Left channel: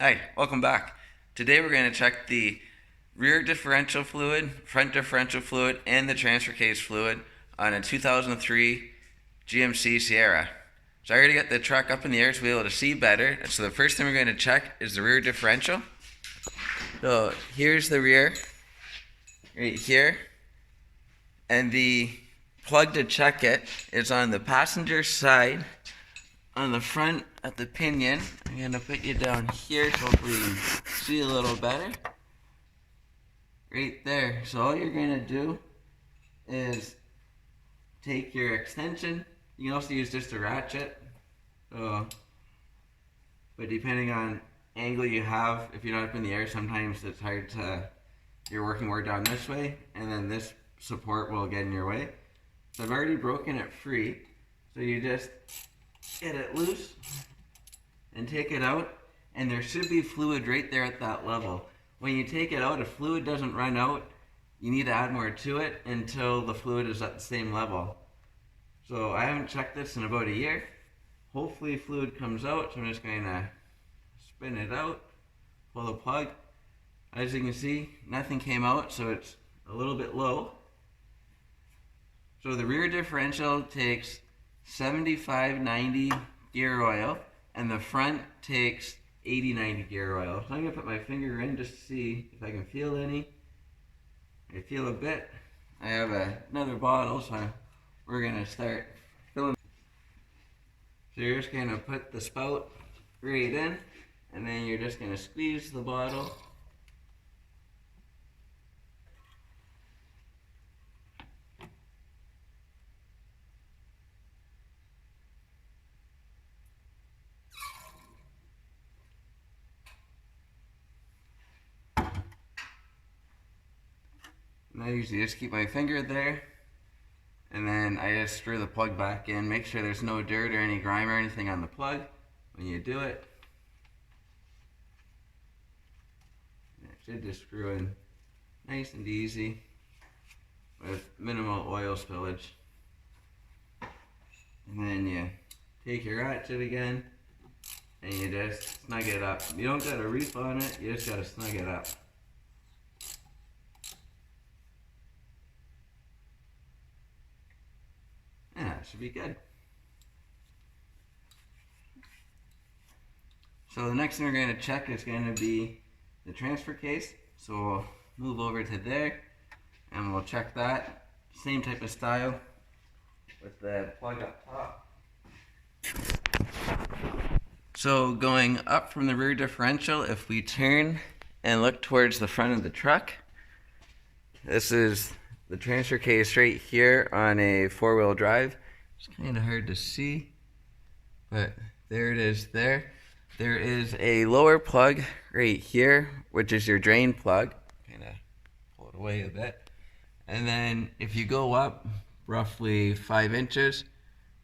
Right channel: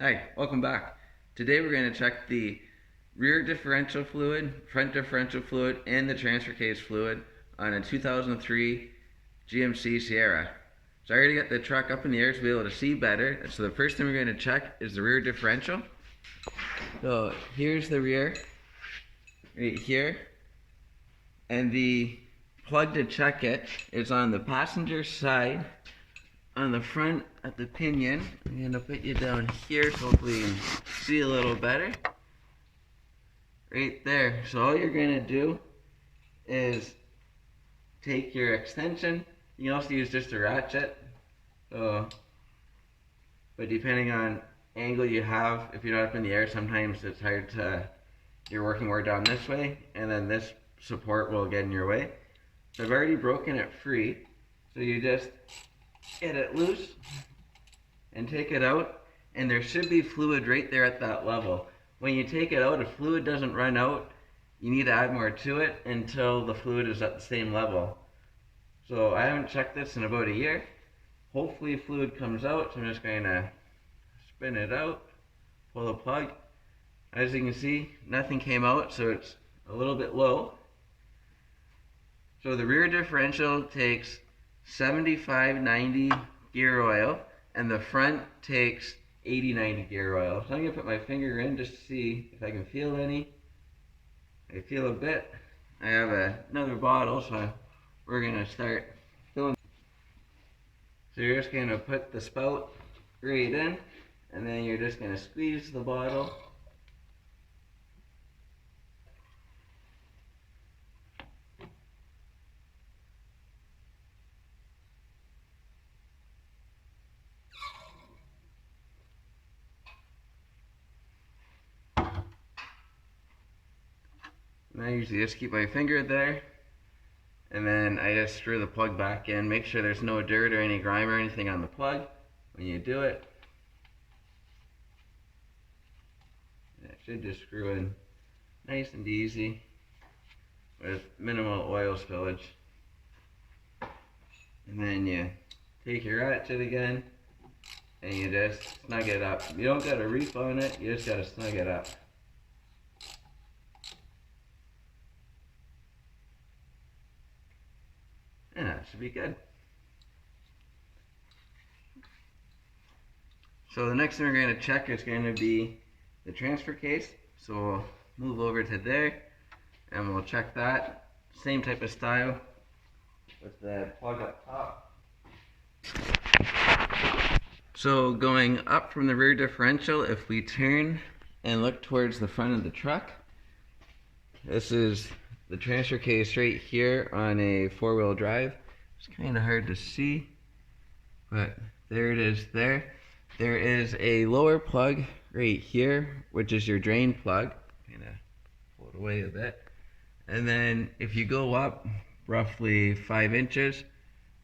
Hi, welcome back. Today we're going to check the rear differential fluid, front differential fluid, and the transfer case fluid on a 2003 GMC Sierra. So I already got the truck up in the air to be able to see better. So the first thing we're going to check is the rear differential. So here's the rear, right here. And the plug to check it is on the passenger side. On the front at the pinion, I'm going to put you down here so hopefully you can see a little better. Right there. So all you're going to do is take your extension. You can also use just a ratchet. But depending on angle you have, if you're not up in the air, sometimes it's hard to, you're working more down this way, and then this support will get in your way. So I've already broken it free. So you just get it loose and take it out, and there should be fluid right there at that level. When you take it out, if fluid doesn't run out, you need to add more to it until the fluid is at the same level. So I haven't checked this in about a year. Hopefully fluid comes out, so I'm just going to spin it out, pull the plug. As you can see, nothing came out, so it's a little bit low. So the rear differential takes 75-90 gear oil, and the front takes 80-90 gear oil. So I'm going to put my finger in just to see if I can feel any. I feel a bit. I have another bottle, so we're going to start filling. So you're just going to put the spout right in, and then you're just going to squeeze the bottle. And I usually just keep my finger there, and then I just screw the plug back in. Make sure there's no dirt or any grime or anything on the plug when you do it. And it should just screw in nice and easy with minimal oil spillage. And then you take your ratchet again and you just snug it up. You don't gotta reef on it, you just gotta snug it up. Yeah, it should be good. So the next thing we're going to check is going to be the transfer case. So we'll move over to there and we'll check that. Same type of style with the plug up top. So going up from the rear differential, if we turn and look towards the front of the truck, this is the transfer case right here on a four-wheel drive. It's kind of hard to see, but there it is there. There is a lower plug right here, which is your drain plug. Kind of pull it away a bit. And then if you go up roughly 5 inches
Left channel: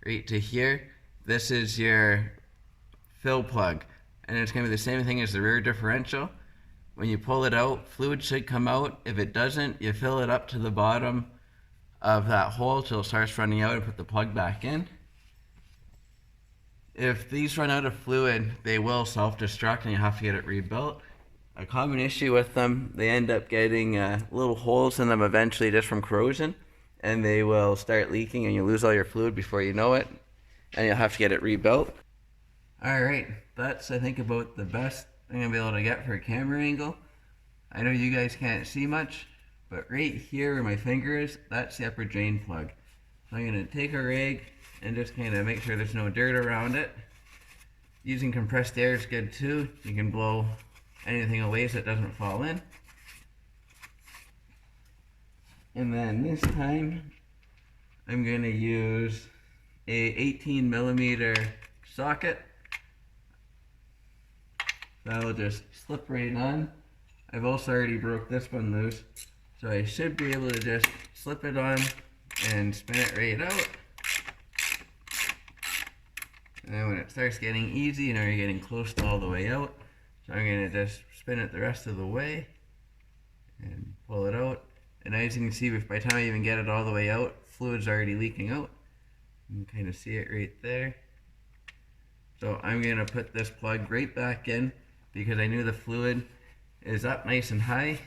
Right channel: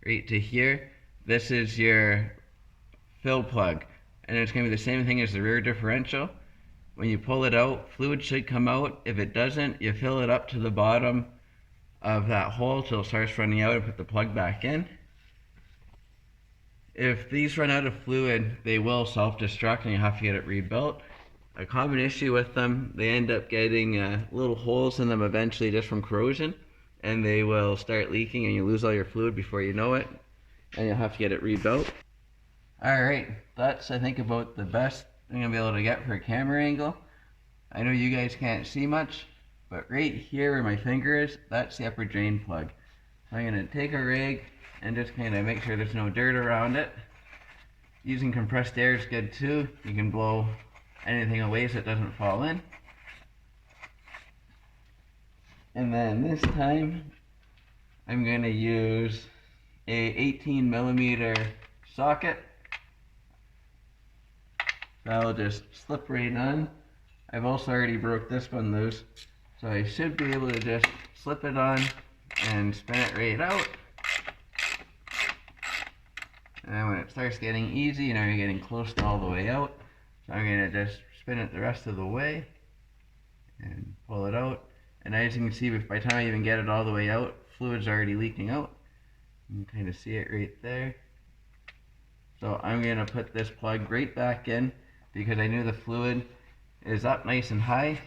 right to here, this is your fill plug. And it's going to be the same thing as the rear differential. When you pull it out, fluid should come out. If it doesn't, you fill it up to the bottom of that hole till it starts running out and put the plug back in. If these run out of fluid, they will self-destruct and you have to get it rebuilt. A common issue with them, they end up getting little holes in them eventually just from corrosion, and they will start leaking and you lose all your fluid before you know it, and you'll have to get it rebuilt. Alright, that's I think about the best I'm going to be able to get for a camera angle. I know you guys can't see much, but right here where my finger is, that's the upper drain plug. So I'm going to take a rag and just kind of make sure there's no dirt around it. Using compressed air is good too. You can blow anything away so it doesn't fall in. And then this time, I'm going to use a 18mm socket. That'll just slip right on. I've also already broke this one loose, so I should be able to just slip it on and spin it right out. And then when it starts getting easy, you know you're getting close to all the way out. So I'm going to just spin it the rest of the way and pull it out. And as you can see, by the time I even get it all the way out, fluid's already leaking out. You can kind of see it right there. So I'm going to put this plug right back in. because I knew the fluid is up nice and high,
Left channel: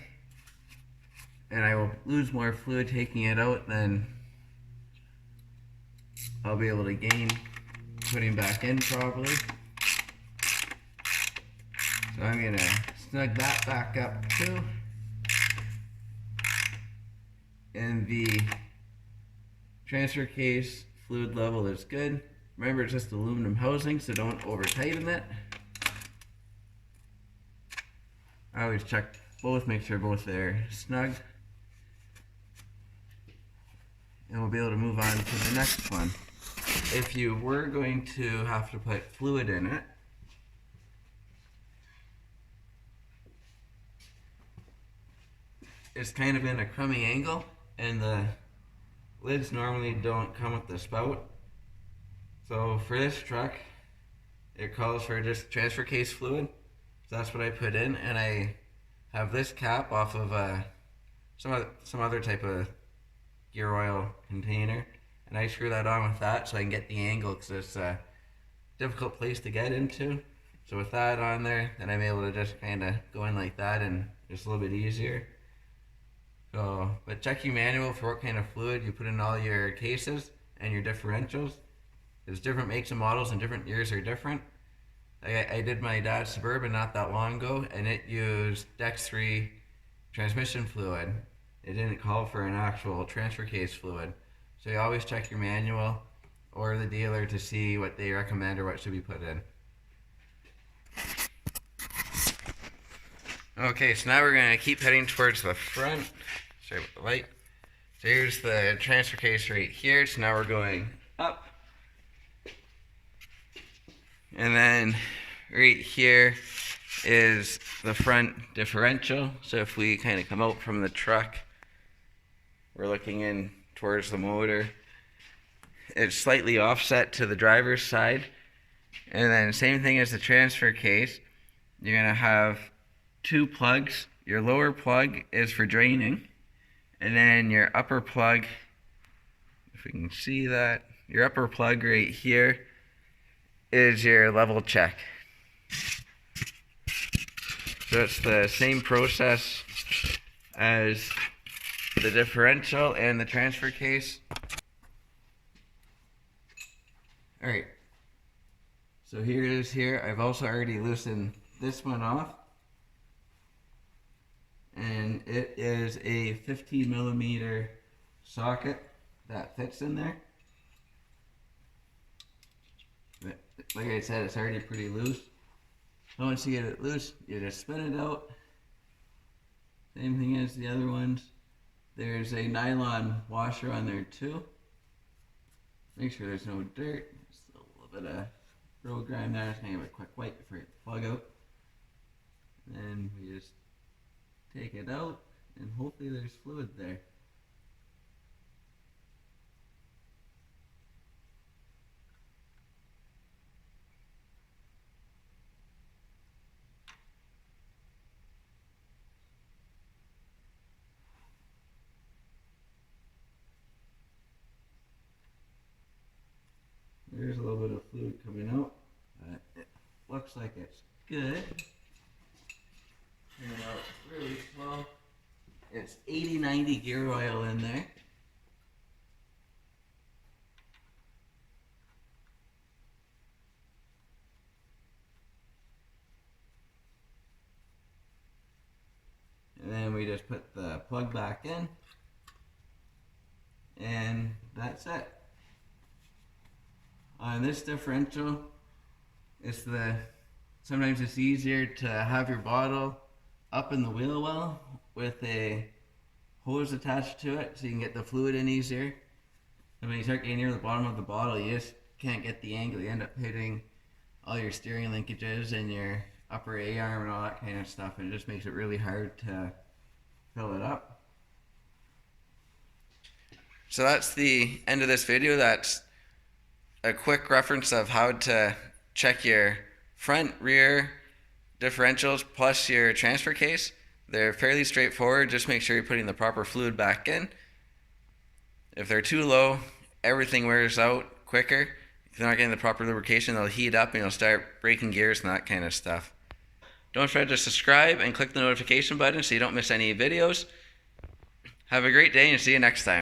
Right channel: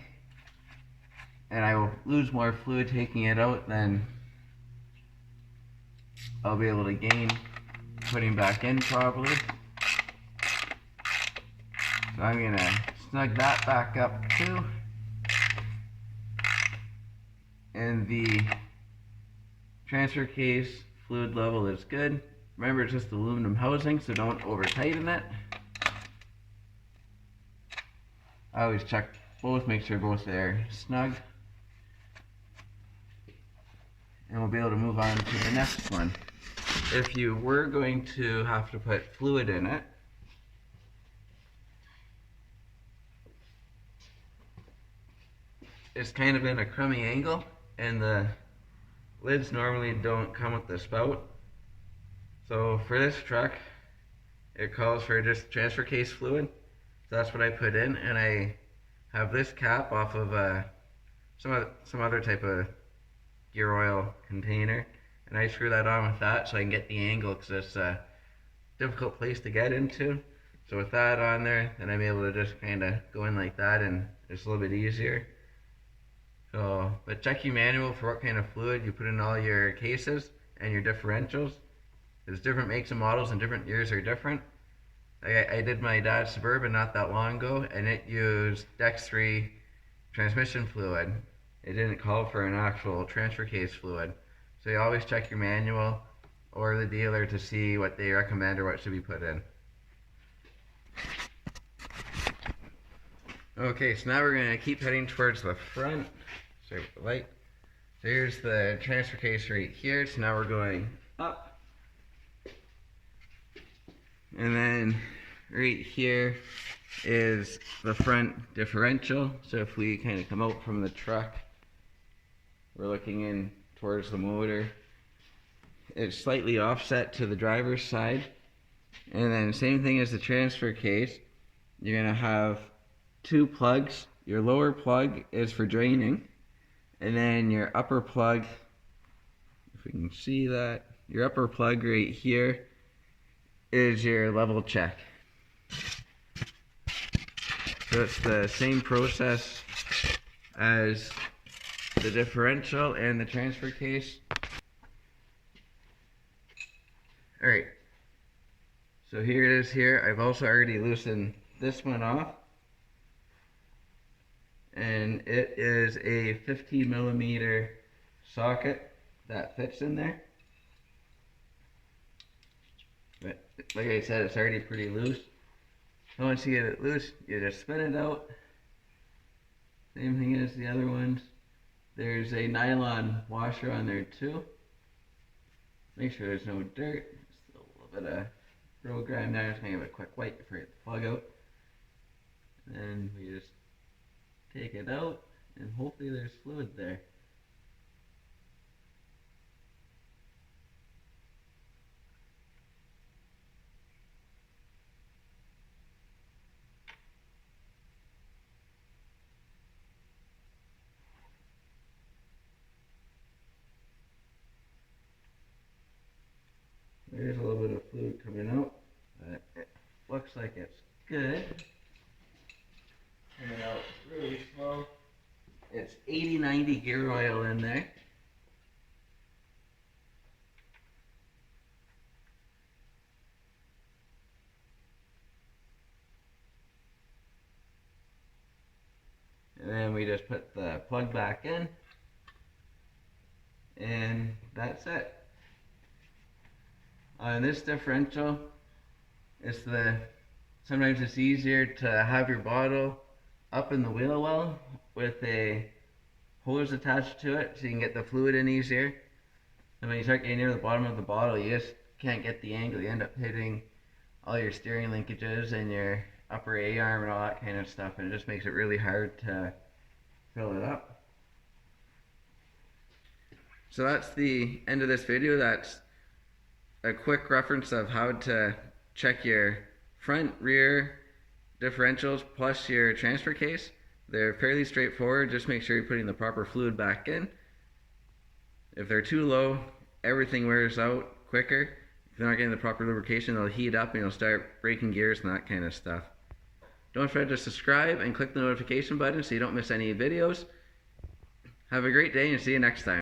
and I will lose more fluid taking it out than I'll be able to gain putting back in probably. So I'm gonna snug that back up too. And the transfer case fluid level is good. Remember, it's just aluminum housing, so don't over tighten it. I always check both, make sure both are snug. And we'll be able to move on to the next one. If you were going to have to put fluid in it, it's kind of in a crummy angle, and the lids normally don't come with the spout. So for this truck, it calls for just transfer case fluid. So that's what I put in, and I have this cap off of some other type of gear oil container, and I screw that on with that so I can get the angle, because it's a difficult place to get into. So with that on there, then I'm able to just kind of go in like that, and it's a little bit easier. So, but check your manual for what kind of fluid you put in all your cases and your differentials. There's different makes and models, and different years are different. I did my dad's Suburban not that long ago, and it used Dex 3 transmission fluid. It didn't call for an actual transfer case fluid. So you always check your manual or the dealer to see what they recommend or what should be put in. Okay, so now we're going to keep heading towards the front. Sorry about the light. So here's the transfer case right here. So now we're going up. And then right here is the front differential. So if we kind of come out from the truck, we're looking in towards the motor. It's slightly offset to the driver's side. And then same thing as the transfer case. You're going to have two plugs. Your lower plug is for draining. And then your upper plug, if we can see that, your upper plug right here is your level check. So it's the same process as the differential and the transfer case. Alright, so here it is here. I've also already loosened this one off, and it is a 50mm socket that fits in there. But like I said, it's already pretty loose. And once you get it loose, you just spin it out. Same thing as the other ones. There's a nylon washer on there too. Make sure there's no dirt. Just a little bit of road grime there. Just gonna give it a quick wipe before you plug out. And then we just take it out, and hopefully there's fluid there. There's a little bit of fluid coming out, but it looks like it's good. Coming out really slow. It's 80-90 gear oil in there. And then we just put the plug back in, and that's it. On this differential, sometimes it's easier to have your bottle up in the wheel well with a hose attached to it so you can get the fluid in easier. And when you start getting near the bottom of the bottle, you just can't get the angle. You end up hitting all your steering linkages and your upper A-arm and all that kind of stuff, and it just makes it really hard to fill it up. So that's the end of this video. That's a quick reference of how to check your front, rear differentials plus your transfer case. They're fairly straightforward. Just make sure you're putting the proper fluid back in. If they're too low, everything wears out quicker. If you're not getting the proper lubrication, they'll heat up and you'll start breaking gears and that kind of stuff. Don't forget to subscribe and click the notification button so you don't miss any videos. Have a great day and see you next time.